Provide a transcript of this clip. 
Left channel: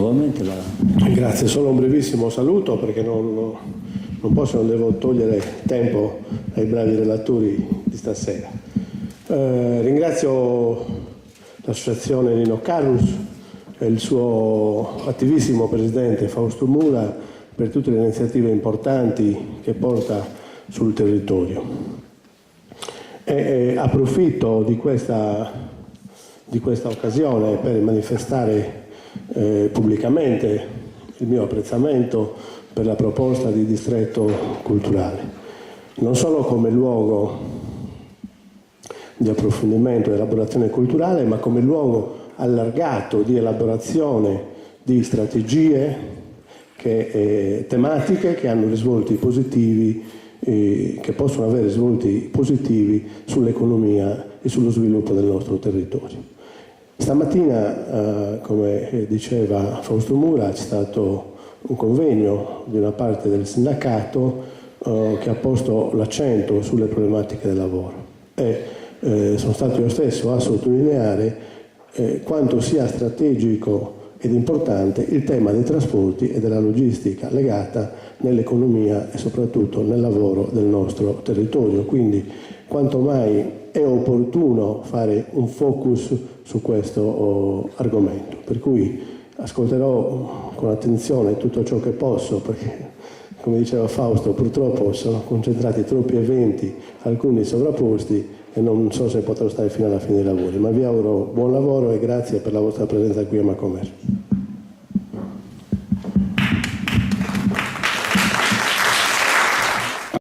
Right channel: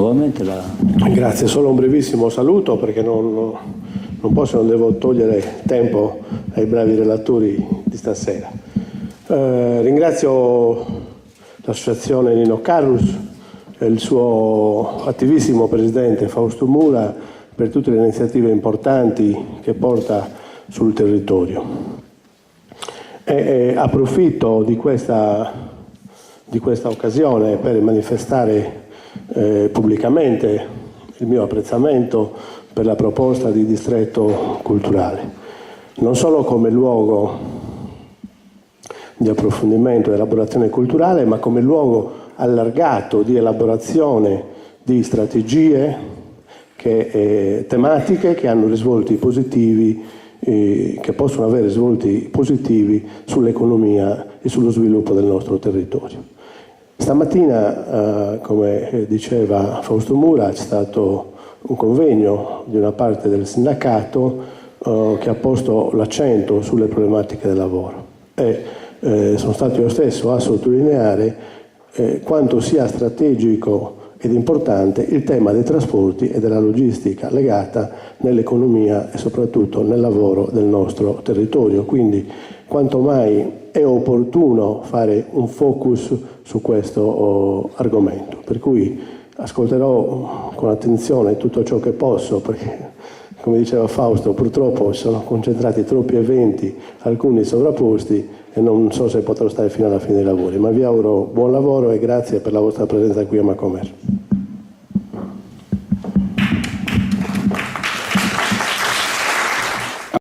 nuovamente la... Grazie, solo un brevissimo saluto perché non posso, non devo togliere tempo ai bravi relatori di stasera. Ringrazio l'associazione Nino Carus e il suo attivissimo presidente Fausto Mura per tutte le iniziative importanti che porta sul territorio. Approfitto di questa occasione per manifestare pubblicamente il mio apprezzamento per la proposta di distretto culturale, non solo come luogo di approfondimento e elaborazione culturale, ma come luogo allargato di elaborazione di strategie tematiche che hanno risvolti positivi, che possono avere risvolti positivi sull'economia e sullo sviluppo del nostro territorio. Stamattina, come diceva Fausto Mura, c'è stato un convegno di una parte del sindacato che ha posto l'accento sulle problematiche del lavoro e sono stato io stesso a sottolineare quanto sia strategico ed importante il tema dei trasporti e della logistica legata nell'economia e soprattutto nel lavoro del nostro territorio. Quindi quanto mai è opportuno fare un focus su questo argomento. Per cui ascolterò con attenzione tutto ciò che posso, perché come diceva Fausto, purtroppo si sono concentrati troppi eventi, alcuni sovrapposti, e non so se potrò stare fino alla fine dei lavori, ma vi auguro buon lavoro e grazie per la vostra presenza qui a Macomer.